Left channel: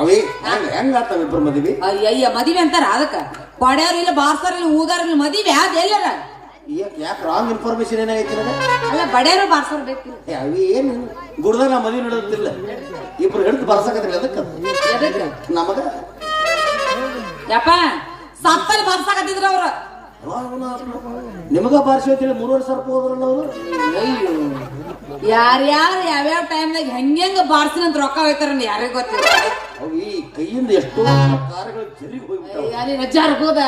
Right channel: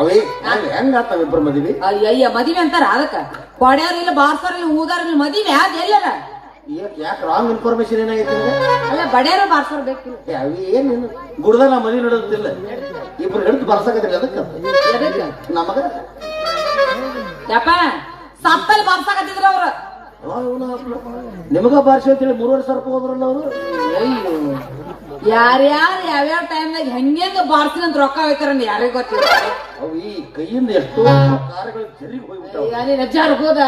ಅವೇ ಹೆಂಗಾಗ್ತಾವ ಇಬ್ಬರು ಮದುವೆ? ಅಯ್ಯ ಮದುವೆ ಅಂತಾರ ಅದಕ್ಕ ಕೊಡ್ಯಾರ ಇಲ್ಲ ಬಾರ್ಸಾರ ಇಲ್ಲ ಊದಾರ ಇಲ್ಲ ಮದುವೆ ಯಾವ್ದು ಎಲ್ಲರ ಯಾಕೆ ರಾಂಗ್ ಇನ್ಫಾರ್ಮೇಶನ್ ಏನಾಗೈತಿ? ಅಲ್ಲ ಬಡ್ಯಾರ ಬಾರ್ಸಾರ ಬೇಕು. ಅವಿ ಏನು ಗುಡ್ದ ನಾ ಮದುವೆ ನೋಡೋದಿಲ್ಲ, ಇಬ್ರು ಹಿಡಿದು ಬಾರ್ಸಾಕತ್ತಿಲ್ಲ. ಅದಕ್ಕೆ ನಮಗ ಯಪ್ಪ ಸತ್ತಲ್ಲಿ ಬಾರ್ಸಾಕತ್ತಿದ್ರ ಅವ್ರ. ನಿಮಗ ಬಾರಿಸಿ ಅಂತೇಳಿ 3 ವರ್ಷ ಹೋದ್ರಲ್ಲ ಅವರು. ಯಾರ್ಯಾರು ಯಾವ್ಯಾವ ಟೈಮ್ನಾಗ ಹೆಂಗೆಂಗ ಬಾರ್ಸಿನಂತ ರೊಕ್ಕ ಹೋಯ್ತಾರ ಯಾರಿಗ ಗೊತ್ತಿರ್ತಾರೆ. ಅವು ಈ ಕೈಯಿಂದ ಎಷ್ಟೋ ಕಾರ್ಗಳು ಜರಿಗೆ ಹೋಗ್ಬಿಟ್ಟಾವ. ರಜಾರ್ ಹೋದ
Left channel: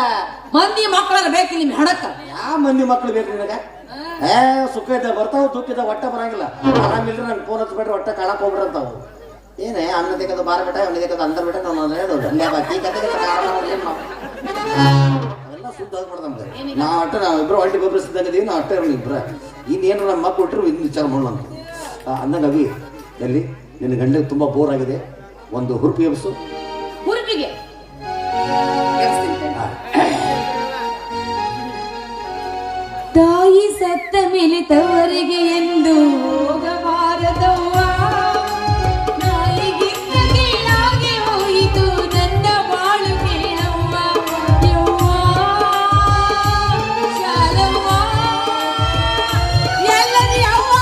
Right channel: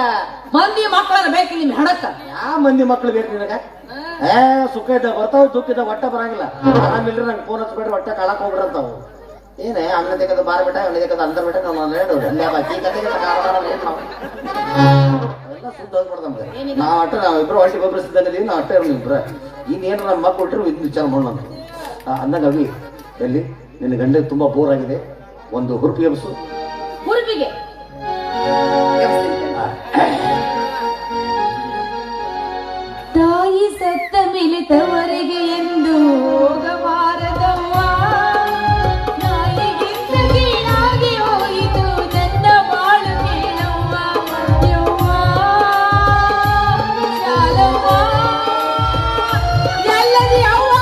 ಮಂದಿ ಮಕ್ಕಳ ಬೇಕು ನಿಮ್ ಹೆಡಕ್ಕ. ಯಾವ ಮಂದಿ ಮಕ್ಕಳು ಬೇಕು ನಿನಗ? ಸುಖ ಇದ್ದ ಬರ್ತಾವ, ದುಃಖ ಇದ್ದ ಒಟ್ಟ ಬರಂಗಿಲ್ಲ. ಆರಾಮಿಲ್ರಿ ನಂಗೆ ಫೋನ್ ಹಚ್ಬೇಡ್ರಿ, ಒಟ್ಟ ಕಾಳಕ್ ಹೋಗ್ಬಿಡಂತಾವ. ಏನೇ ಅವನ ದೇಕದ ಬಾರ ಬಿಟ್ಟ, ಅವನ ದೇಕದ ಅಂದ ಬಿಟ್ಟ ನಾವು ಹೇಳೋದು ಎಲ್ಲ ಸುದ್ದ ಹೋಗ್ಬಿಡ್ದಂತ. ನಾವು ಒಟ್ಟ ನಾವಿಬ್ರು ಹೊಟ್ಟಿಗೆ ಒಬ್ಬರು ಸಿದ್ದಂಗದೀವಿ, ನಾವು ಅಟ್ಟ ಇರಲಿ ಇಬ್ರ. ಇನ್ನೇನು ನಮ್ಮ ಮಕ್ಕಳು ಬಿಟ್ಟರು ಇದನ್ನ ವಿಚಾರ ಮಾಡೋಣ ಅಂದಂಗ. ಅವಿ ಎಲ್ಲಿ ನಿನ್ನ ಗಂಡ ತುಂಬಾ ಬೋರ್ ಆಗಿದೆ, ಒಂದು ಹುರುಪಿ ಎಬ್ಸು. ಹುರುಪಿಗೆ ತಾಯಿ ಸತ್ತ ಮೇಲೆ ತವರಿಗೆ ಎಂದು ಹೋಗಬಾರದವ್ವ, ನಾಯಿಗಿಂತಗೆ ನಾಗೆ ಹೋಯಿತು ನನ್ನ ಬಾಳು ಕೇಳವ್ವ ಯವ್ವ ಶಾಲವ್ವ ಎಲ್ಲದಿ ಅವ್ವ.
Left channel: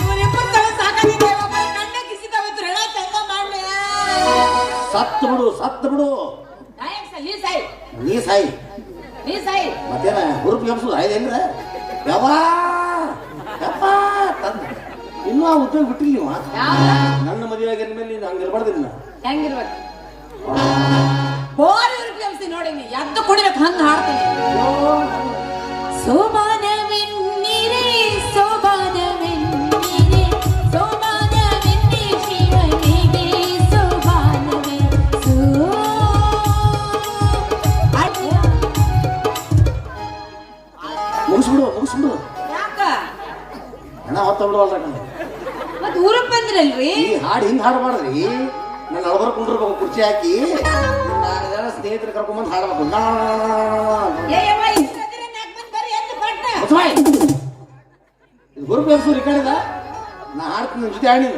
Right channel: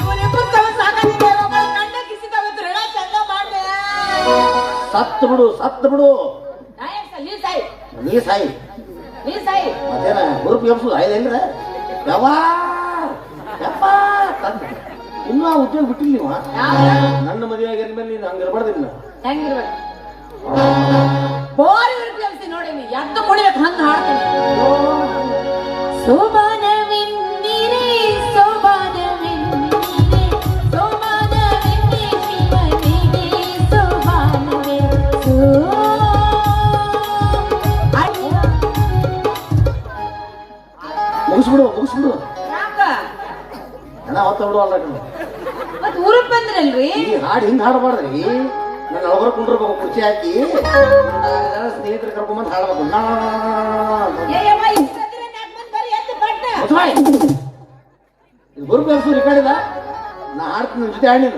ಇವರಿಬ್ಬರು ಸಾಕಾಗಿದೆ, ಗಂಡ ಕಿಸಿದವತ್ತು ಹೇಳ ಚಂದ ಮಾಡ್ದೆ. ಸತ್ತು ಬಿಡು, ಸತ್ತು ಬಿಡು. ನೀ ಸಾಯಿ ಮತ್ತೇನ ಹುರುಪಿ ಎಬ್ಸು ಆಯ್ದೇನ್ರ? ಯವ್ವ ಯಪ್ಪ ತಂದ ಇನ್ನೂ ಆ ಉದ್ಯೋಗ ಬಿಟ್ಟಿಲ್ಲ ನೀವು. ನನ್ನ ಮದುವೆ ಆಗಿನ ಮೇಲೆ ನೀನು ಹಂಗಿರ್ಬಾರ್ದಿಲ್ಲ. ಹೆಂಗಿರ್ಬೇಕು ಬೋರ್ ಹುರುಪಿ ಎಬ್ಸಿ ನೋಡಿ, ನೀ ಎದ್ದು ಕುಡಿಯಕ್ ಹಂಗ ಹಾಡ್ತೀನಿ. ಸೋಮಾನವೆನ್ನಿರಿ ಸೋಮಾನವೆನ್ನಿರಿ ಸೋಮಾನವೆನ್ನಿ ಶಿವನಿಗೆ ಸೋಮಾನವೆ ಮುಗಿಸ್ಬಿಡು, ಮುಗಿಸ್ಬಿಡು. ಯಾಕ ಹಣ ಹೊತ್ತ ಬಿಡುವಲ್ರ. ಮತ್ ಊರಿಗೆ ಬಂದ್ರಲ್ರಿ? ಈ ಹಾಡು ಹಿಂಗ್ ಹಾಡ್ಬಾರ್ದ್ರಿ. ನನ್ನ ಅಳಬರ್ ಕುಂಡ್ರಬೇಕು, ಕುರ್ಚಿ ಹಾಕಿ ಸ್ನೇಹಿತರು ಕರ್ಕೊಂಬಂದು ಹಾಡ್ಬೇಕು. ಗುರು ಬೆರ್ಸು ರಿಕಾರ್ಡಿದ ನಾ ಹಾಡ್ತೀನಿ ನಿನ್ ಜೊತೆ ಹಾಡಿನ.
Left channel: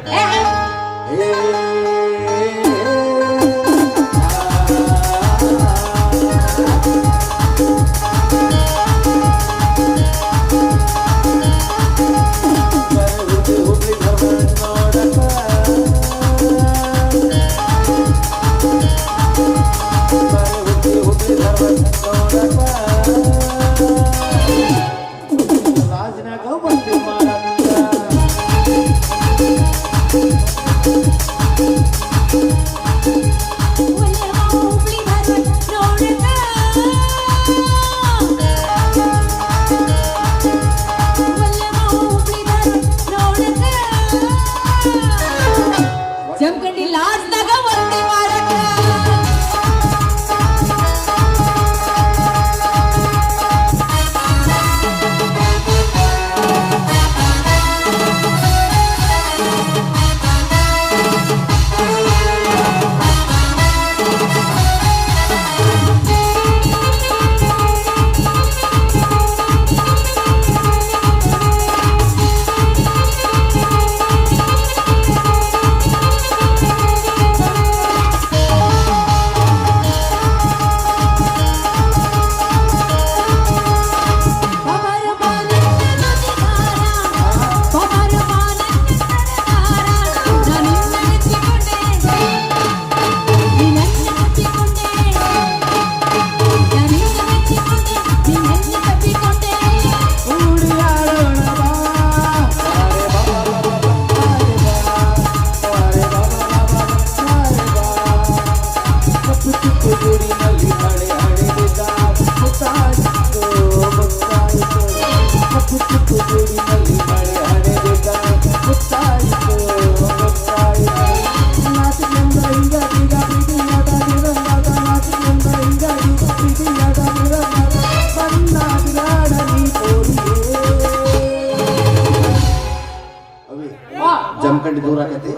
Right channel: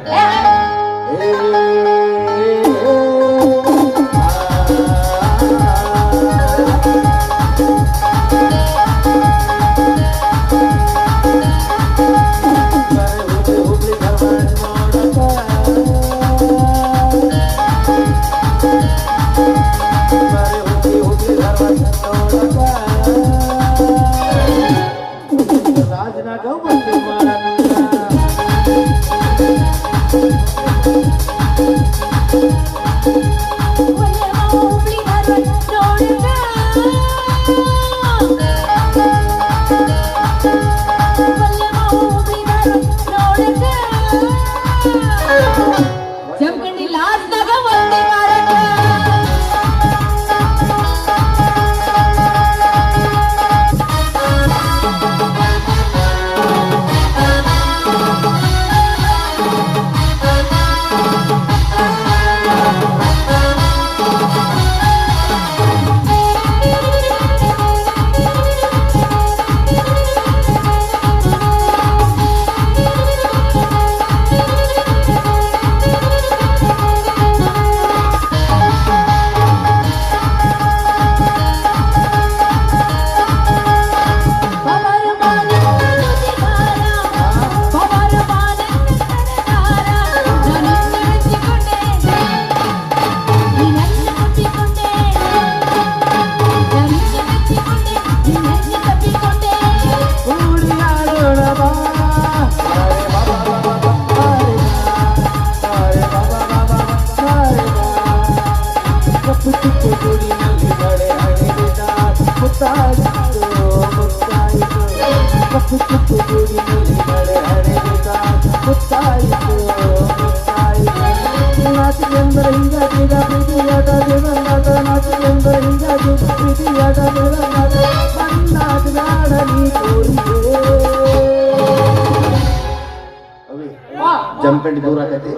ಜಮಖಂಡಿ ದೂರ ಆಗೈತಿ.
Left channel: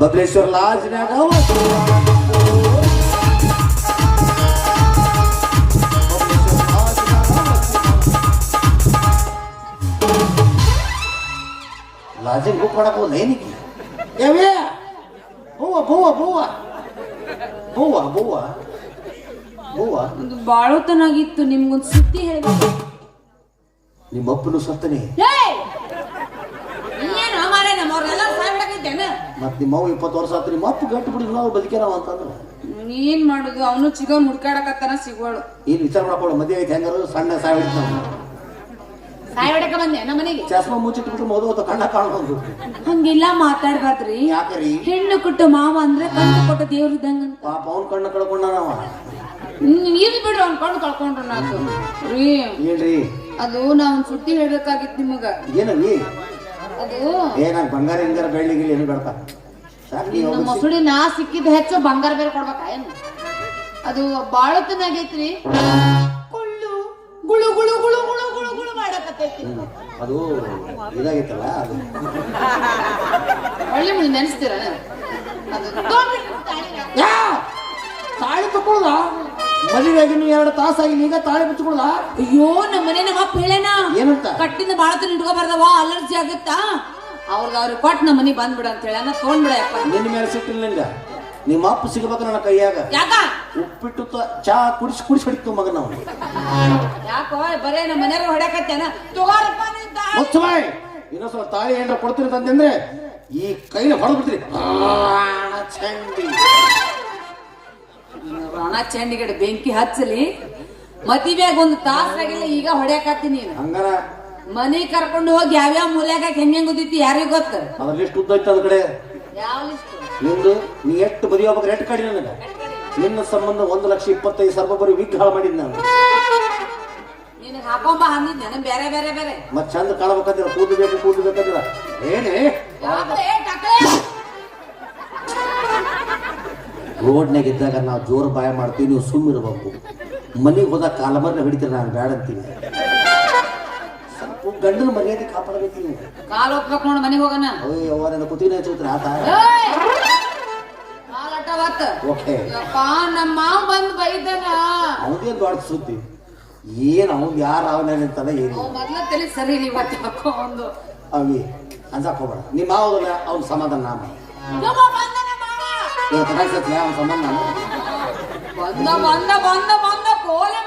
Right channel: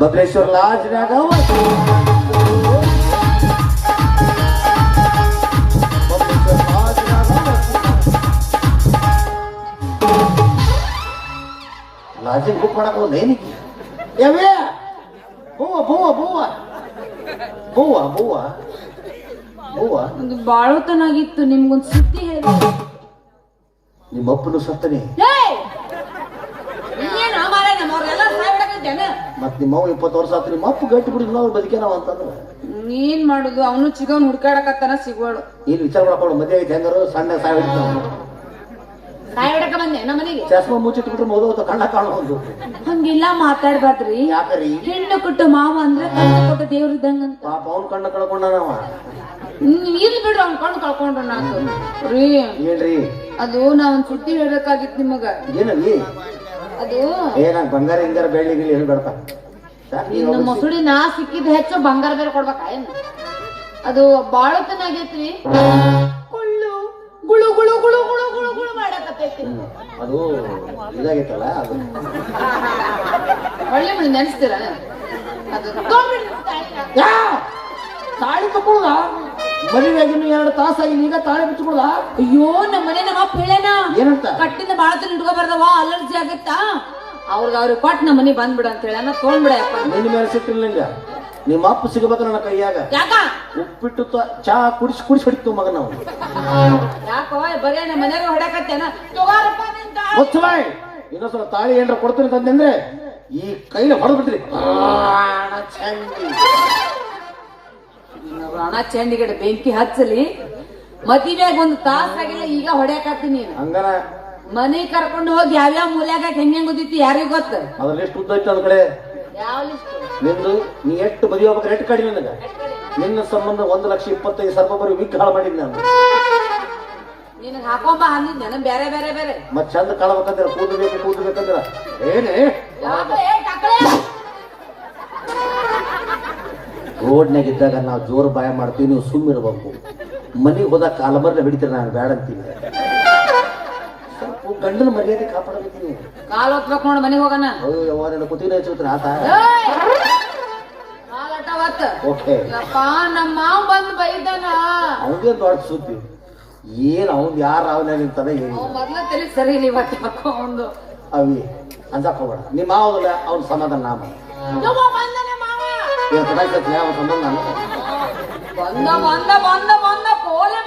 ಬಬಲೇಶ್ವರ ಲಾಜ್ನಾಗ ಲಾಜಿಗೆ ಬುಕ್ ಮಾಡಕ್ಕೆ ಏನಕ್ಕೆ ಯಾವೇ ಬೂವ ಬೂವ ಬೂವ ಬೂವ ಬೂವ ಒಂದು ಬಾಳೋತನಾಗಿತ್ತು ನಿಮ್ಗೊಂದು ಸುದ್ದಿ ಹೇಳ್ಬೇಕು. ನಿಮ್ಮ ಅಪ್ಪನು ಸತ್ತನೆ ಏನ್ ಮಾರ ನಮ್ಮವ್ರೆಲ್ಲ ಸಾಯ್ತಾಗಿದ್ದೇನೆ. ಮತ್ ನಿಮ್ಮ ಅವ್ವ 20 ವರ್ಷ ಆತ್ರಿ ನಿಮ್ಮ ಅಪ್ಪ ಗಟ್ಟಿ ಬಿಡಿ ನಾವು ಬದುಕೇನವ ಅಂತಂದ್ರೆ ಏನ್ ಮಾಡುದು ಅವನು ಚಿಗಮ್ ಹುಡ್ಕಾಡಕತ್ತಾನ ಸಿಗ್ವಾಡು. ಏನು ವಿಚಾರ ಮಾಡ್ಕೊಂಡು ಮದುವೆ ಐತೆ ಹೆಂಗಾರು ಸಣ್ಣ ಸಾಯ್ ಹೊಡಿತಾನೆ ಸಾಯ್ ಹೊಡಕ ಬಂದೆ ನಮ್ಮ ಮನೆಗೆ. ಚಸ್ಮಾ ಮುಚ್ಚಿಟ್ಬಿಟ್ರೆ ಮದುವೆ ಕಣ್ಣ ಕಾಣೋದು ಹಂಗೆಲ್ಲ ಮಾತಾಡ್ಬಾರ್ದ್ರಿ. ಯಾಕರಿ ಹೆಣ್ಣು ಕೊಟ್ಟ ಮಾವ ಅಂದ್ರೆ ಕಣ್ಣು ಕೊಟ್ಟ ದೇವ್ರ ಇದ್ದಂಗಂತ. ಪಾಪ ಅವ್ನ ಕಣ್ಣ ಕಳ್ಕೊಂಡ ಇಲ್ಲಿ ಬಿಡ್ರಿ ಅವ್ನ ಕಣ್ಣು ಕಳ್ಕೊಂಡ್ರ ನಾಕು ರೀ. ಏನ್ರಿ ಅದು ನಾ ಒಂದ್ ಸುದ್ದಿ ಹೇಳ್ಬೇಕಾಗಿತ್ತು ನಿಮಗ. ಏನಲ್ಲಿ ಅದು ಏನ ಬಂಗಾರ ಹಿಂಗಾರ ಬೆಳ್ಳಿಗಿಲ್ಲಿ ಏನು ಬೇಡ್ತಾ ಸಾಕಿ ನಮ್ಮ ಮೊಸಳಿ ನಾ ಸಿಕ್ಕಿದ ಹೆಚ್ಚು ಬಂಗಾರ ಬೇರೆ ಕೊಡ್ಬೇಕ ಏನ್? ಅದು ಬಾಳತನಾಗೈತ್ರಿ. ಗುಳು ಗುಳು ಗುಳು ಗುಳು ಗುಳು ಗುಳು ಗುಳು ಮಾಡಕತ್ತೈತಿ. ಅದು ಇದಾಗೈತಲ್ಲ ಅದು ಒಳ್ಳೆ ಮನೆ ನೆನೆಸ್ತೀರ ಅದು ತಗೊಂಡ್ಬಿಡ್ರಿ ತಾಳಿನ. ತಾಳಿ ತಕೊಳ್ಳದ ಮದುವೆಗಿನ್ನು 2 ತಾಸಾಗಿ ಈಗ ತಾಳಿ ಬಿಚ್ಕೊಳ್ಳದ. ಅಯ್ಯೋ ನಮ್ಮ ಮನೆ ನಮ್ಮ ಅಪ್ಪ ಹೇಳೇನ ಏನಂತ ಕಟ್ಟಿಂದ ಬಾಳತನ ಇಟ್ಕೊ ಬರ್ದವ ಅಲರ್ಜಿ ಆಗತ್ತಾ ಅವ್ರಿಗೆ ಕೊಟ್ಟು ನಮ್ಮ ಮನೆ ಬಂದ್ಬಿಡ ಅಂತ ಹೇಳ ತೊಗೊಂಡ್ಬಿಡಪ್ಪ. ನಿನ್ನ ಮೇಲೆ ಸಿಟ್ಟಿಲ್ಲ ನಿಂಗ. ನಿಮ್ಮ ಅಪ್ಪ ಸಿಗಬೇಕು ನನ್ನ ಕೈಯಾಗ. ಯಾಕ ಉಪ್ಪಿಟ್ಟು ಚಾ ಕುಡಿಸಿ ಕುಡಿಸಿ ಹೊಡಿತು ಮಗ ನಾವು. ಯಾಕೋ ಬರೇ ನಮ್ಮ ಮನೆಯಾಗ ಹೊಡ್ಯಾಕತ್ತೇನ ತಗೋರಪ್ಪ ಮುಚ್ಚಬಾಯ್. ಇನ್ನೊಂದ್ಸಲ ತಾಳಿ ಏನಾರ ಕೊಡ್ತೀನಿ ಅಂತಂದ್ರೆ ಈ ಕೈನ ಹೊಡೆದ್ ಬಿಡ್ರಿ. ರಾಣ ಚಂಡಿಗಡೆ ಬೆಂಕಿ ಹಚ್ಚಲಿ ಮದುವೆಯಾಗ ಒಂದು ತಾಸಾಗಿಲ್ಲ ಈಗ ಹೊಡ್ಯಾಕತ್ತೀನಿ. ಹಂಗಾರ ಮನೆ ಕರ್ಕೊಂಡು ಹೋಗಿ ಯಾವ್ಯಾವ ಮೂಲ್ಯಾಗ ಹೆಂಗ್ ಓದಿತಿ ಯಾರಿಗ ಗೊತ್ತ. ಅದ್ರಲ್ಲಿ ಎಷ್ಟು ಉದ್ದ ಇತ್ತು ಅದ್ ಕಡೆ ಯಾವ ಲಿಸ್ಟ್ ನಿಂದು ನೀ ಎಷ್ಟು ಬದಿ ಹೋಗ್ಬೇಕು ರೆಟ್ ಕಡಿ ನನಗ. ನಿನ್ನ ಸಂಬಂಧ 1,25,000 ಬರೀ ವಿಗ್ ಹಾಳು ಮಾಡಿದ್ ನಾನು. ನಿನಗ್ ಹಾಕೊಂಬ ಅಂದಿದ್ ನನಗ್ ಬೇರೆ ಬೇರೆ ಬೇರೆ ಮತ್ ಚಂದ ಕಾಣಬೇಕಂದ್ರ ಕೂದು ಬೇಕಂದ್ರ ಏನೇ ರೋಡ್ನಾಗ ಇದ್ದಾಗ ನಾವು ಜೋರು ಬಾಯ ಮಾಡ್ತೀವಿ, ನೀವು ಸುಮ್ಮ ಇರ್ಬೇಕು. ಮನೆಗೆ ಹೋದಾಗ ಕಾಲಮರ್ನ ಹಿಡಿತೀರ, ನಾನು ಬೇಡ ಅಂತೀನಿ. ಸ್ವಲ್ಪ ಗಂಡನ ಮರ್ಯಾದೆ ಕಾಪಾಡಬೇಕು ನೀವು. ಕಾಲ್ ಹೊತ್ಬೇಕು ನೋಡು ಮನೆಗೆ ಹೋಗೋಣ. ಅಯ್ಯೋ ಯಾವ ನನ್ನ ಕುತ್ತಿಗೆ ಹಚ್ಚಿಬಿಟ್ರೆ ಆತ. ಓಕೆ ನಮ್ಮ ಮಾವ ಬಂದು ಬೈದನ. ಅವನಿಗೇನು ದೊಡ್ಡ ಸುದ್ದಿ ಏನ್ ಅವ್ನು ಯಾರು ಅವನೇನಂತಾನೆ ಏನು ಮೊದ್ಲ ತಲೆ ಸರಿ ಇಲ್ಲ ಇವತ್ತು ಹಾಕೋ ಒಂದು ಅವಿ ಅಂಜಾಕ್ ಹೋಗ್ಬೇಡ. ನಿಮ್ಮ ಮಾವಲ್ಲ ಅವ್ನ ಸಮಾಧಾನ ನಾಮ ಇವತ್ತು ಸತ್ಯ ಅವನ ಸಂಬಂಧ ನಾನು ಬಂದ ಬಂದ ಬಂದ ಬಂದ ಕೋಲೆ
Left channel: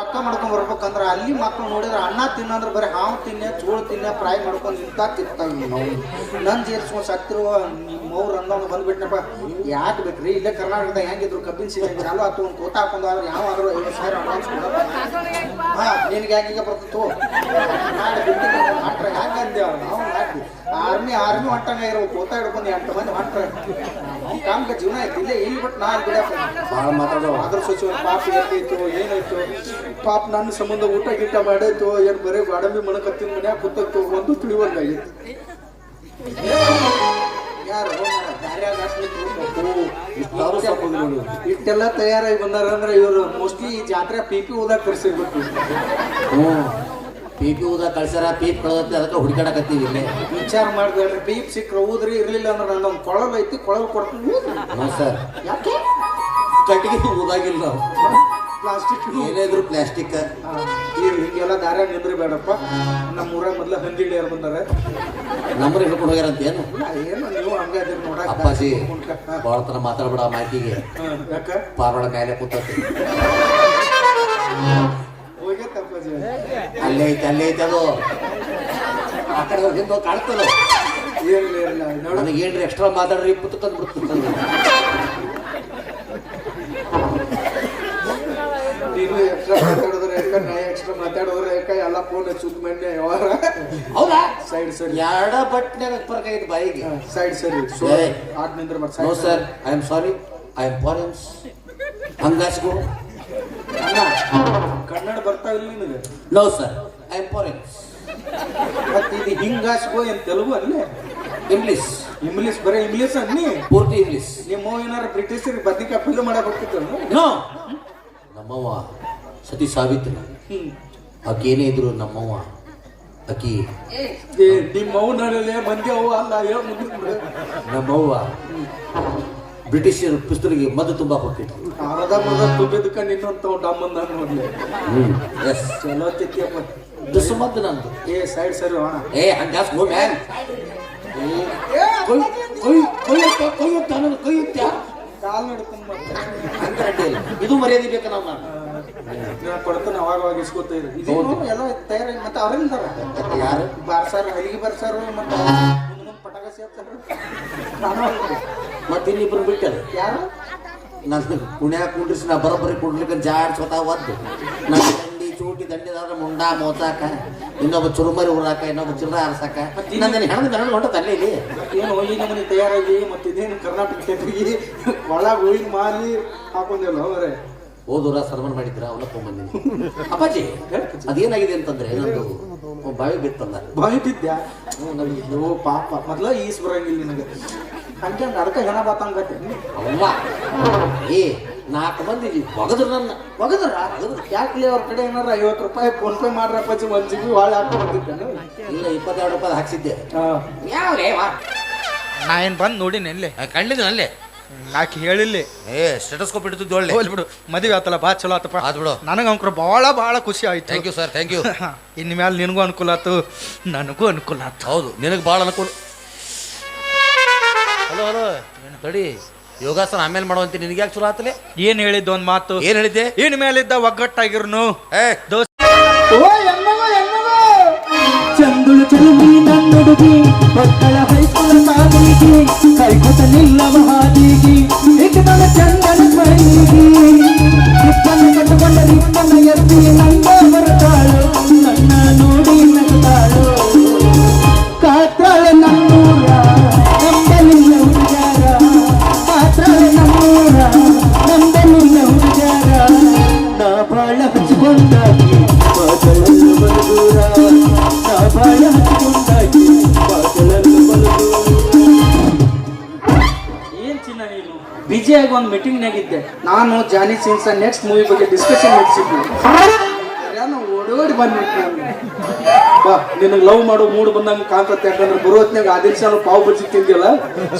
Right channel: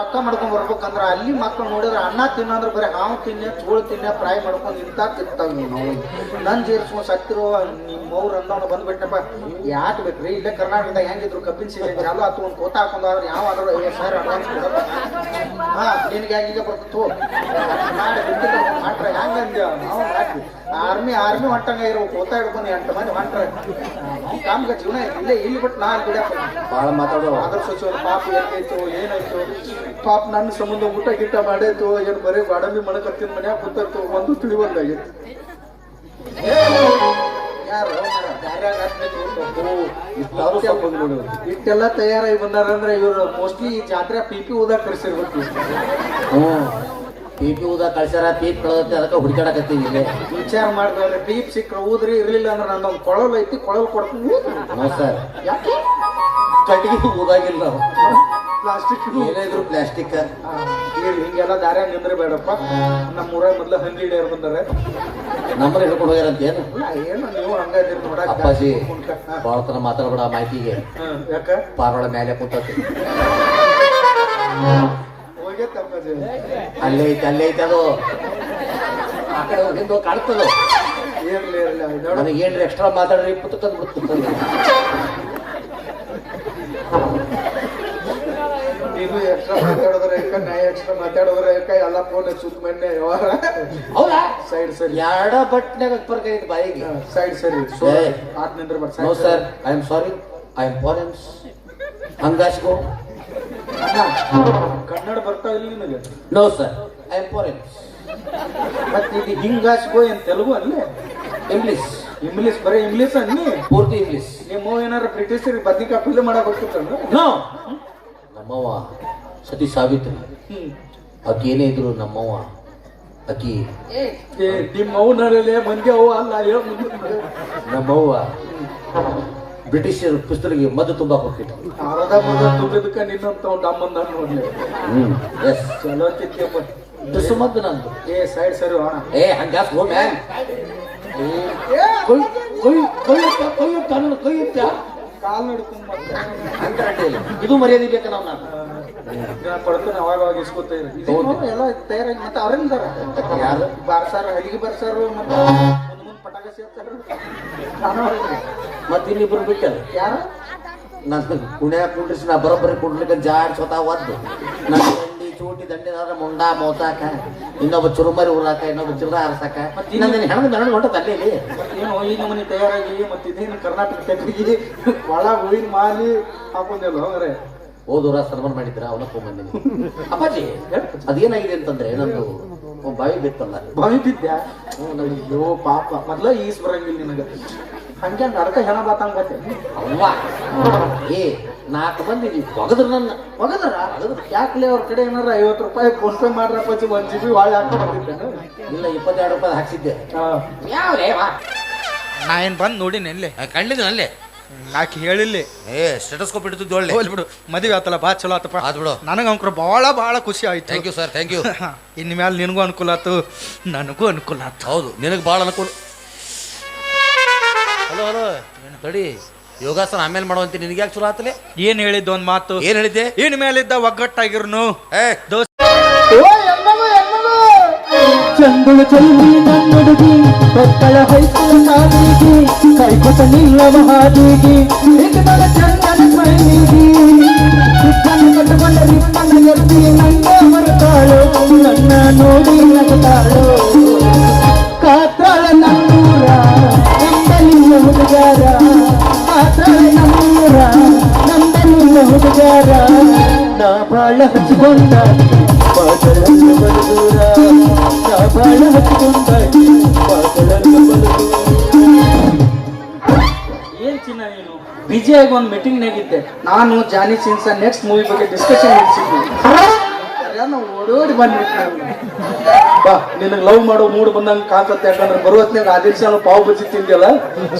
ರೊಕ್ಕ ಮಾಡ್ಕೊಂಡ್ ಬರ್ಬೇಕಂದ್ರ ಅಲ್ಲಿ ಮಕ್ಳು ನೋಡಿದ್ರೆ ಅನ್ನ ತಿನ್ನಂದ್ರ ಬರೀ ಹಾವು ತಿನ್ನ ಚೋಳು ತಿನ್ನ ಫ್ರೈ ಮಾಡ್ಕೊಂಡು ಇಂತ ತಿಂತಾವ ನಾವು. ನನ್ ಸೇರ್ಸ್ಕೊಂಡ್ ಸತ್ತಿರುವ ಮೌರ್ ಅಂದವನು ಬಂದ್ಬಿಟ್ಟಪ್ಪ. ಯಾಕೆ ಬೇಕ್ರಿ ಇಲ್ಲೇ ಕರ್ನಾಟಕದಾಗ ಹೆಂಗಿದ್ರು ಕಬ್ಬಿನ ಸೀಸನ್ ಚಾಲು ಆತು ಒಂದು ಕೋತ ಹಾಕೊಂಡವ್ರು ಯಾವಾದ್ರೂ 50,000 ಅಡ್ವಾನ್ಸ್ ಕೊಡಪ್ಪ. ಹಾ ನಿನ್ಗೆ ಹೆಂಗೀಗ ಬರ್ತಿತ್ತು ಮಾಡಿ ಬಿಟ್ಟಿನ ಮಾಡ್ರ ಹೆಂಗಂದೇವ ನಾವು ಮಾಡಿ ಆರ್ಮಿ ಹೊಟ್ಟಂಗ ಇರೋ ಕೋತ ಹಿಡ್ಕೊಂಡು 8 ಮಂದಿ ಮಾಡ್ತಾರೆ. ಕಾಮ್ಗ ಜೀವನ ಐತಿ ಇಲ್ಲೇ ಇಲ್ಲಿ ಬಿಟ್ಟು ನಾ ಬಿಡಪ್ಪ ಭಾಳ ಮಾತಾಡೋ ಅದ್ರ ಸಚಿವ ಪಾಪ ಏನಾಯ್ತು ಏನಾಯ್ತು ಪಾಪ ನನ್ನ ಸಂಬಂಧ ಊಟ ಗಿಟ್ಟ ಮಾಡಾಯ್ತು ಏನ್ ಬರೀ ಬಾಡಮಿ ಮನಕತ್ತಿನ ಮನ್ಯಾಗ ಕೂತಾಯ್ತು ಒಂದು ತಿಳಿವಂಗಾಗಿತ್ತು. ಯಾರು ಇಷ್ಟೆಲ್ಲ ತಯಾರಾಗಿ ಬಂದಾರ ಅಂದ್ರೆ ಇವರು ಮೋಸ್ಟ್ಲಿ ಈ ಜಾತ್ರೆ ಪಿ ಓದಾಕ್ ಕರ್ಸಿರ್ಬೇಕು. ಪೀಪಿ ಊದ ಕಳ್ಸ್ಯಾರ, ಪೀಪ್ ಕಳೆದತ್ತೆ, ಅದಕ್ಕೆ ಹುಡುಕಾಡಕತ್ತೀವಿ ಇಲ್ಲೇ. ವಿಚಾರ ಮಾಡ್ಬೇಡ್ರಿ, ಪೀಪ್ ಸಿಕ್ಕ್ರ ಊದ್ರಿ ಇರ್ಲಿಲ್ಲ ಅಂದ್ರೆ ನಂದೊಂದು ಕೊಳಲ್ ಐತಿ, ಕೊಳಲ್ ಕೊಡ್ತೀನಿ. ನೋ ಸರ್, ಯಾಕೆ ಕಟ್ಟಿಗೆ ಊದಾಗಿಲ್ಲ ನಾವು. ಪ್ಲಾಸ್ಟಿಕ್ ಏನಾದ್ರು ಪ್ಲಾಸ್ಟಿಕ್ ಹಿಂಗೆಲ್ಲ ದಾರ್ಯಾಗ ನಿಂದ್ರೆ ಬೇಡಪ್ಪ. ನಮ್ಮೂರ ಮೊದ್ಲ ಹಂದಿ ಹಿಡಿಯಾರ ಬಂದಾರ, ನಮ್ಮನೆ ಹಿಡ್ಕೊಂಡು ಹೋಗ್ಯಾರಂತ ಏನು ಏನು ನೀವು ಹಂಗಾದಿರಿ ನೋಡಕ್. ಅಪ್ಪಾಜಿ ಬಾಳತನ ಮಾತಾಡ್ಬೇಡ ಮಾಹಿತಿಗೆ. ಯಾಕ ಪಾರೋಡ ಮೇಲೆ ಕೂತತಿ ಹೋಗತ್ತಪ್ಪಾಜಿ, ಅಲ್ಲೇ ಐತೆ ಅಲ್ಲೇ ಐತೆ ಅದು. ಆ ಕಡೆ ಹೋಗಿದ್ದು ಕಾಣ್ತದ. ಏನಿಲ್ಲ ನನಗೇನ್ರಿ ಎಕ್ಸ್ಟ್ರಾ ಮಾತಾಡ್ರಿ ಪುತ್ತ ತಂದು ಬಿಡ್ತೀನಿ. ನೀನು ಎಕ್ಸ್ಟ್ರಾ ಮಾತಾಡೋದ್ರ ಯಾಕ, ನಾ ಎಕ್ಸ್ಟ್ರಾ ಮಾತಾಡೋದ್ರ ಯಾಕ, ಎಲ್ಲ ಫೋನ್ ಹಚ್ಚುತ್ತ ಮೊನ್ನೆ ವ್ಯವಹಾರ. ಹೌದಾ? ಸೈಡ್ ಸರಿ ಎರಡ ಬಟ್ನ್ಯಾಗ ಬರ್ಕೈತಿ ಬಾಯಿಗೆ. ಸೈಡ್ ಸರಿ ಆಟ್ ನಿಂದ್ರ ಬರ್. No sir, I am sorry, I am foreign. ಹಂಗಾಸ್ಕೋ. ಕನ್ನಡ ಬರ್ತಾ ಇಲ್ಲ ನಿನಗೆ? No sir, I am foreign. ಮತ್ತೆ ಇದು ಹಿಂಗಾಸ್ಕೋ ಏನ್ ತೆಲುಗು ಅಲ್ಲೇ? ಇಂಗ್ಲಿಷ್. ಇಂಗ್ಲಿಷ್ ಬರೀ ಇಂಗ್ಲಿಷ್ ಅನ್ನಿ, ಪೂರ್ತಿ ಇಂಗ್ಲಿಷ್. ನಿಮ್ಮ ಏನಾರ ಬ್ರಿಟಿಷರಿಗೆ ಬದ್ನಿಕಾಯಿ ಪಲ್ಯ ಮಾಡಕ್ ಹೋಗ್ತಿದ್ದಲ್ಲ? ನೋ, ನಮ್ಮವ್ವ ಸತಿ ಸಾವಿತ್ರಿ ಆಕಿ ಏನೇ ಇದ್ರು ನಮ್ಮವ್ವ ಆಕಿ ನಿಮ್ಮ ಅವನಲ್ಲೇ ಮಂದಿ ಅವ ಅಲ್ಲ ನಮ್ಮವ್ವ ಬ್ರಿಟಿಷರ್ ಪಿಸ್ತೂಲಿಗೆ ಮದ್ದು ತುಂಬಾ ಹೋಗ್ತಿತ್ತು. ಅರದ ತುಂಬಿದಕ್ಕ ನಿನ್ನಂತ ಒಂದು ಅಮ್ಮಂದ ಎಸ್ ಚಲೋ ತಿಕ್ಕಪ್ಪ ದುಸ್ಸು ಮದ್ದು ನಮ್ದು. ಸೈಡ್ ಸರಿ ಹಂಗಾಸ್ ಗೋ ಮ್ಯಾನ್. ಕೊಯ್ಯುತ್ತ ಕಾಲ್ ಹಿಡ್ಕೊಂಡ್ ಇದು ಮರ್ಯಾದೆ ಬೇಕಾ ನಮ್ಮ ಕೊಡ್ತಾನೆ ಅವಾಗ ಅವಾಗ ಇಸ್ಕೊತ ಎಲ್ಲ ತಯಾರಾಗಿ ಮತ್ತೆ ಅವರಿಲ್ದಾರ ಯಾರು ಬಾರ್ಸಾರ ಹಲಿಗೆ ಬರ್ಸಾರು ಮತ್ತೆ ಪಟಾಕ ಸೇರ್ತಾರ ಮತ್ತೆ ಇನ್ನಿಬ್ರು ಬಿಟ್ಟಲ್ಲ ಯಾರು ನನ್ನ ಕುಣ್ಯಾ ಕುಂಡ್ರಿಸಿ ನಾ ಬರೋಬ್ಬರಿ ಕುಂಡ್ಲಿಕ್ಕೆ ಜಾಡ್ ಸ್ವತಃ ಒದ್ದು ನನ್ನ ದಂಡಿ ಚೂಟಿ ದಂಡಿದಾದ್ರೆ ಮುಂಡ ಮೋಸಾಕ ಇನ್ನೊಬ್ಬ ಚುರುಮರಿ ಉರಾಕ ಇನ್ನೊಬ್ಬ ಚಿತ್ರ ಹರ್ಸಾಕ ಇನ್ನೊಂದೇನು ಹೆಣ್ಣು ಹೆಣ್ಣು ಹೊಂಟ ತಲೆ ಇಲ್ಲಿ ಏನು ಈ ನಮೂನಿ ತಯಾರಾಗಿ ಮತ್ತೆ ಇದೇನು ಕರ್ನಾಟಕ ಟೆಪ್ಪಿಗೆ ಒಳ ಹೂವಿನ ಮಾಲಿ ಹಾಕೊಂಡೆಲ್ಲ ಅವರೇ ಹೋದೂರ ಸರ್ಮನ್ ಮಾಡಿದ್ರ ಅವನ ಬಂದಿನಿ. ಅಪ್ಪಾಜಿ ಅದೇನಾಗಿದೆ ಅಂತಂದ್ರೆ ನಂದು ಬಾವಿ ಬಿತ್ತಲ್ಲ ಬಾವಿ ಬಿದ್ದ್ಯಾ ಓ ಪಾಪ ಮೊದ್ಲ ಈಸ್ ಬರಂಗಿಲ್ಲ ನಿನಗ ಹಂಗೆ ನಡಕ ಹೆಣ ಬಾತಂಗತ್ತೆ ಅಲ್ಲ ಏ 4 ಮಂದಿ ಒಗದ್ರ ನನ್ನ ಒಗದ್ರ ಯಾಕ್ಲಿ ಅವ್ರ ಕಡೆ ಏನಾರ 50 ರೂಪಾಯಿ ಫೋನ್ ಪೇ ಮಾಡ್ರಪ್ಪಾಜಿ 1 GB ಹಾಳು ಹಾಕೊಂಡಿದ್ದೇನೆ ಇಲ್ಲ 22 ರೂಪಾಯಿ ಹಾಕ್ಸಿದ್ದೆ. ಯಾವ ನಾ ಏನ್ ಬಂದ್ ನೋಡಿನಿ ಎಲ್ಲಿ ಕಂಡಿದ್ದೀನಿ ಅಲ್ಲೇ ಆಕಿ ಹೇಳಿಲ್ಲ ಸ್ಟೆಟಸ್ಕೋಪ್ ಇಡ್ತಿದ್ದು ಒಳ್ಳೆ ಹೋಗ್ಲಿ ಬಿಡು ಮದುವೆ ಆತಲ್ಲ ಬಾ ಚಲೋ ಆತಪ್ಪ ಆತ್ ಬಿಡು. ನನಗ ಅಂಕ್ರ ಬಹಳ ಖುಷಿ ಆಯ್ತು. Thank you sir thank you. ಇನ್ ಮ್ಯಾಲ ನಿನಗೂ ಅನುಕೂಲ ಆತು ನನಗೂ ಅನುಕೂಲ ಆತು. ಹೌದು ನಿನಗೆ ಭಾಳ ಅನುಕೂಲ. ಹಲೋ ಹಲೋ ತಡಿ ಯೋಗಾಸನ ಆಮೇಲೆ ಮಾಡುವಂತೆ ನಿನಗೆ ಯಾಕೆ ಚಲೋ ಆತಲೆ? ಏನ್ ಹೇಳಿದ್ದು ಒಂದ್ ಮಾತು ಏನ್ ಹೇಳಿದ್ದೆ? ಇನ್ ಮೇಲಿದ್ದ ಒಗ್ಗಟ್ಟಾಗಿರ್ನು ದೋಸ್ತ ಚಂದುಳು ಚೆಲ್ಲಿ ನನ್ನುಡುಗಿ ಮಕ್ಕಳ ಹೈಸ್ಕೂಲ ಕಾದಿಗಿ ಕೈಕೊತ ನಿಲ್ಲವ ಹಾದಿಗಿ ಏಕದಳ ಚಂದನ ಮೈಲಿಗಿ ರಿಪ್ಪನ್ನ ಕಟ್ಟಕೊಂಡ ರಿಪ್ಪನ್ನ ಎತ್ತಿ ನನ್ನ ಬರತಾಳು ನನ್ನ ನೋಡಿ ನಗತಾಳು ಕಾತಾಳ ನನ್ನೂರ ನಂಬಲಿಲ್ಲ ಹುಡುಗಾರ ಕಾತಾಳ ನನ್ನೂರ ನಂಬಲಿಲ್ಲ ಹುಡುಗಾರ ನಾ ಬಾಳ ಹಚ್ಚಿಕೊಂಡಾಗಿ ಬಾದಳನ್ನು ಬರದೂರ ಏನ್ ಚಿನ್ನ ಏನು ಬಿಜಿ ಆಗಿ ಒಂದು ಮೀಟಿಂಗ್ ನಾಗಿದ್ದೆ ನಾನು ಜಾನಿ ಸಿನ್ಸ ನೆಕ್ಸ್ಟ್ ಮೂವಿ ಬಗ್ಗೆ ಡಿಸ್ಕಷನ್ ನಡೆಸಿದ್ವಿ. ಓಡಿ ಬಂದ್ಬಿಟ್ಟು ಬಾ ನಿನಗೆ ಲವ್ ಮಾಡೋ ಮೂಡ್ ಬಂದಂಗ ಕಾಣ್ತತ್ತೆ. ಯಾಕಂದ್ರೆ ಬರುವತ್ನಾಗ ಆದಿಲ್ ಸಾಲ ಪಾವ್ ಬಜ್ಜಿ ತಿಂದಿಲ್ಲ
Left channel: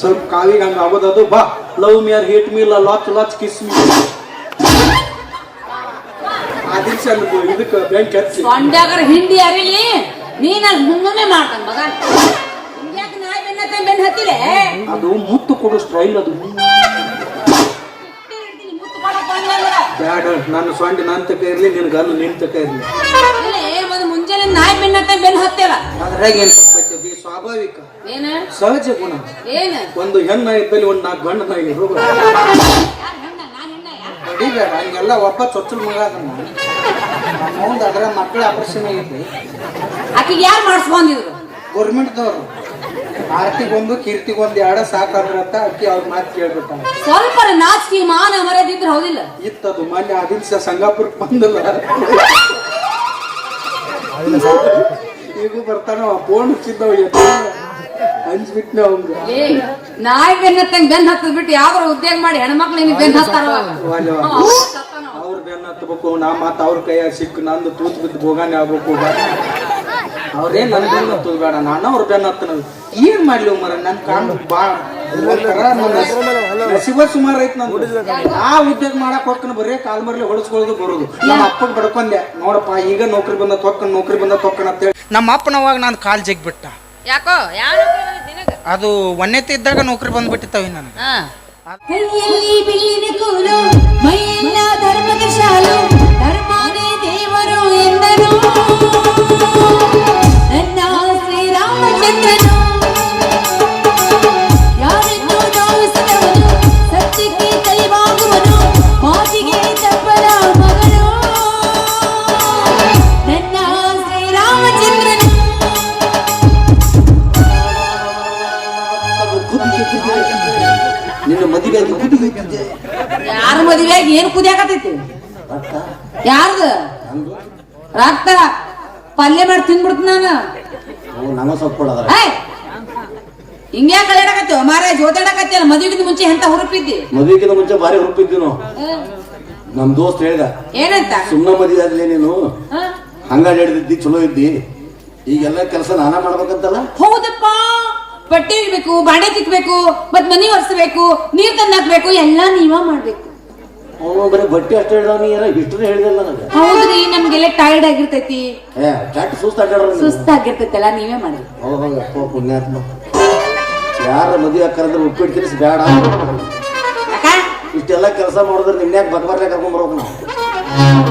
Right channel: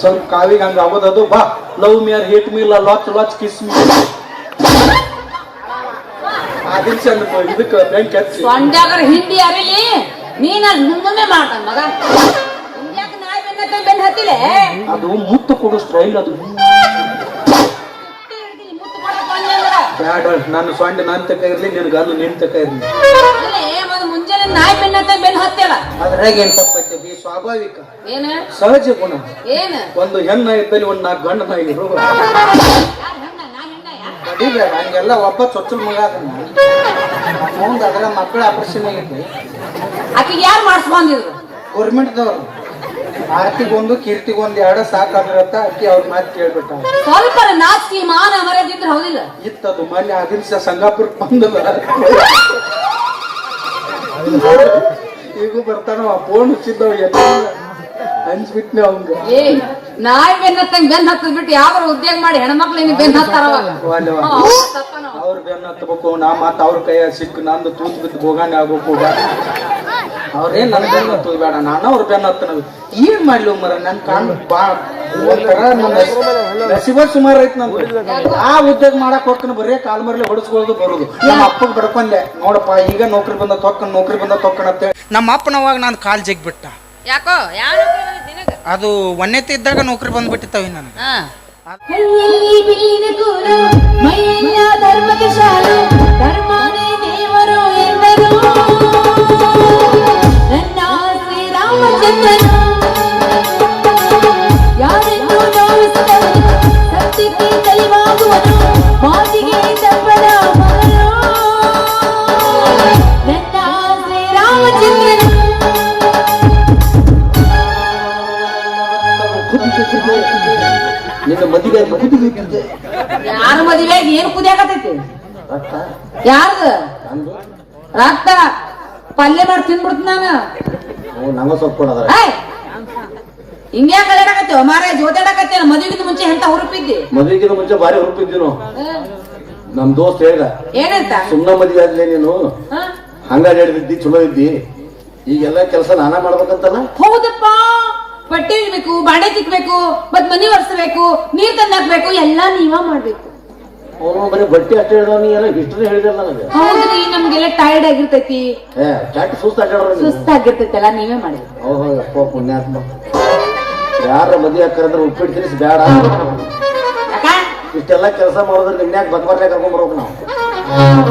ಸ್ವಲ್ಪ ಕಾವಿಗೆ ಹಂಗ ಆಗೋದದು. ಬಾ love me or hate me latch kiss me Adil ಸಾಲ ಇದಕ್ಕೆ ಬ್ಯಾಂಕ್ ಹಚ್ಚಿ ಸೊಂಡ್ಯಾಗರ ಹಿಂಡಿ ಅರಿಲಿ ನೀನ ಮುಂದೆ ಮಾಡ್ತಾನ ಮಗ ಹಿಂಗ್ಯಾಕ ನಾಯಿ ಬೆನ್ನ ಹತ್ತಿಲೆ ಅದು ಮುತ್ತು ಕೊಡೋ ಸ್ಟೈಲ್ ಅದು. ಬ್ಯಾಡ ನಾನು ಸೊಂಡ ನನ್ ತಕ ಇರ್ಲಿ ನಿನ್ಗೆ ಅಲ್ಲು ನಿನ್ ತಕ ಇರ್ಲಿ. ಮುಂಜಾನೆ ನಾಯಿ ಬೆನ್ನ ಹತ್ತಿಲ್ಲ ಅದ್ರಾಗ ಏನ್ ತಪ್ಪೈತಿ ಬಿ ಸ್ವಾಭಾವಿಕ ಏನ ಸಹಜ ಗುಣ. ಏನ ಒಂದು ಹೆಣ್ಣ ಇದ್ದಲ್ಲಿ ಒಂದು 4 ಗಂಡ ನಾಯಿರು ಅಡಿಬೇಡ ಹಂಗೆಲ್ಲ ಒಬ್ಬ ಚೊಚ್ಚಲ್ ಮಗ ಅದ ಮುಂದೆ ಅದ್ರ ಮಕ್ಕಳ ಆಪರೇಷನ್ ಆಗೈತಿ. ಆಕಿಗೆ ಯಾರು ಮಾಡಿಸ್ಕೊಂಡಿದ್ರು ಗೌರ್ಮೆಂಟ್ದವ್ರು ಆರ್ತಿಗೊಂದು ಕೀರ್ತಿಗೊಂದು 2 ಸಾಕಾದ್ರತ್ತ ಅಕ್ಕಿ ಅವ್ರ ಮಾತು ಕೇಳ್ಬಿಟ್ಟ. ಸ್ವಲ್ಪ ನಾಚಿಕೆ ಮಾನ ಮರದಿದ್ರೆ ಹೌದಿಲ್ಲ ಇತ್ತದು ಮೊನ್ನೆ ಆದಿಲ್ ಸಂಗಾಪುರಕ್ಕೆ ಬಂದಲ್ಲ ಈಗ ಬರ್ತಾನ ಫೋನ್ ಹಚ್ಚಿದ್ದವ ಹಂಚ್ಬಿಟ್ನೆ ಅವಂಗ. ಏ ನಾಯಿ ಬೆನ್ನ ಹತ್ತದ್ ಬಿಟ್ಟು ಯಾವ್ದಾರ ಉದ್ಯೋಗ ಮಾಡಿ ಹೆಣ್ಮಕ್ಳು ಬೆನ್ನ ಹತ್ತಾರವ ಅವ್ರ ಬೆನ್ನ ಹತ್ಬೇಕು ನಾ ಮತ್ತ ಅವ್ರ ಕೈಯ ಸಿಕ್ಕು ನಂದು ತೂತ್ ಬಿದ್ದು ಬೋಗಾನೆ ಆಗ್ಬೇಕು. ಅವ್ರೇನ್ ನನ್ ಬೆನ್ನ ಹತ್ತದ ಬೇಡ ನಾನು ಅವ್ರ ಬೆನ್ನ ಹತ್ತನಲ್ಲ. ಏನ್ ಮಾಡ್ಲಿ ಮರ ನನ್ ಕಾಣ್ ರಸಿಬ ಸುಮಾರು ಐತ್ ನಂದು. ಆ ಉದ್ಯೋಗ ಮಾಡಕ್ ಹೋಗ್ತೀನಿ ಬರೀ ಕಾಲ್ ಮರ್ಲಿ ಹೊಡಸ್ಕೊಳ್ಳೋದು ಬರೋದು. ನಮ್ಮ ಅಪ್ಪಗ್ ಬಡ್ಕೊಂಡೆ ನೋಡಪ್ಪ ಈಗ ನೌಕರಿ ಬಂದ ತೊಕ್ಕಣ ಅಂತೇಳಿ ನಮ್ಮ ಅಪ್ಪನವಾಗ ನಾನು ಕಾಲ್ ಜಗ್ ಬಿಟ್ಟ. ಯಾಕೋ ಯಾರು ಅದು ಒನ್ನೆತ್ತಿ ಇದ್ದಾಗ ನೌಕರಿ ಬಂದ್ಬಿಟ್ಟಿತ್ತವ ನನಗೆ. ಧರ್ಮದ ಶಾಲೆ ಧರ್ಮದೇ ದೇವರು ಎಂದನು ನನ್ನ ಶ್ರೀರಾಮಚಂದ್ರನು ಯಾರೆಂದು ನೋವಿಸಿದವನು ಸತ್ಯಕ್ಕೆ ತಲೆಬಾಗುವನು ಮಾತಿಗೆ ತಪ್ಪದ ಮಗನು ನನ್ನ ಶ್ರೀರಾಮಚಂದ್ರನು. ನಿನ್ನ ಮದುವೆಯಾಗಿ ಕುದಿಯುತ್ತಿದ್ದೆ. ಯಾರ ಮದುವೆಯಾಗಿ ಏನ್ ಕುದಿಯಾಕತೈತಿ? ಯಾರ್ದ ರಕ್ತ ಪಲ್ಯ ಮಾಡಿ ತಿನ್ಬಿಡ್ತ ನಾನು. ನಂಗ ಸ್ವಲ್ಪ ಕೊಡೋದ್ರ ಹಿಂಗ್ಯಾಕ ಅಲ್ಲಾಡಕತ್ತೀವ ಮಾರ ಜೋತಾಡಕತ್ತೀವ. ಮದುವೆಗಿಂತ ಮುಂಚೆ ಎಂತ ಹುರುಪಿದ್ದಿ? ಮದುವೆಗಿಂತ ಮುಂಚೆ ಭಾರಿ ಹುರುಪಿದ್ವಿ ನಾವು. ನಮ್ ದೋಸ್ತ್ ಹೇಳ್ದ ಏನಂತ ಸುಮ್ಮನೆ ಮದುವೆ ಆದ್ಲೇ ನೀನು ಹಂಗಾಗಿ ಹೇಳಿದ್ದಿ ಚಲೋ ಇದ್ದಿ ಈಗೆಲ್ಲ ಕೆಲಸ ನಾನಾ ಮಾಡ್ಬೇಕಂತಲ್ಲ. ಹೌದಪ್ಪ, ಬಟ್ಟೆ ಇಡ್ಬೇಕು, ಬಾಂಡೆ ತಿಕ್ಬೇಕು, ಮತ್ ಮನೆ ಒರೆಸ್ಬೇಕು, ನೀರ್ ತಂದು ಹಾಕ್ಬೇಕು, ಎಲ್ಲಾ ನೀವ ಮಾಡ್ಬೇಕು. ಅವನು ಬರೀ ಬಟ್ಟೆ ಅಷ್ಟೇ ಹೇಳಿದ, ನೀ ಎಲ್ಲ ಹಿಸ್ಟ್ರಿ ಹೇಳಿದಲ್ಲ ನನಗೆ. ಹೌದ್ರಿ, ನಮ್ಗೆಲ್ಲ ಟೈರ್ಡ್ ಆಗಿರ್ತೈತಿ, ಚಟ್ ಸುಸ್ತಾಡ್ಯಾಡ ಸುಸ್ತಾಗಿರ್ತೈತಲ್ಲ, ನೀವೇ ಮಾಡಿ. ಓಹೋ ಪುಣ್ಯಾತ್ಮ. ಯಾರ ಮದುವೆ ಕರೆದ್ರೆ ಉಪ್ಪಿಟ್ಟು ತಿನ್ನಿಸಿ ಬೇಡ, ಇಷ್ಟೆಲ್ಲ ಕೆಲಸ ಮಾಡಿದ್ರೆ ನಿನ್ಯಾಗ ಬರ್ಬರ್ಲೆ ಕರ್ಕೊಂಡ್ ಬರ್ಬೇಕು ನಾವು.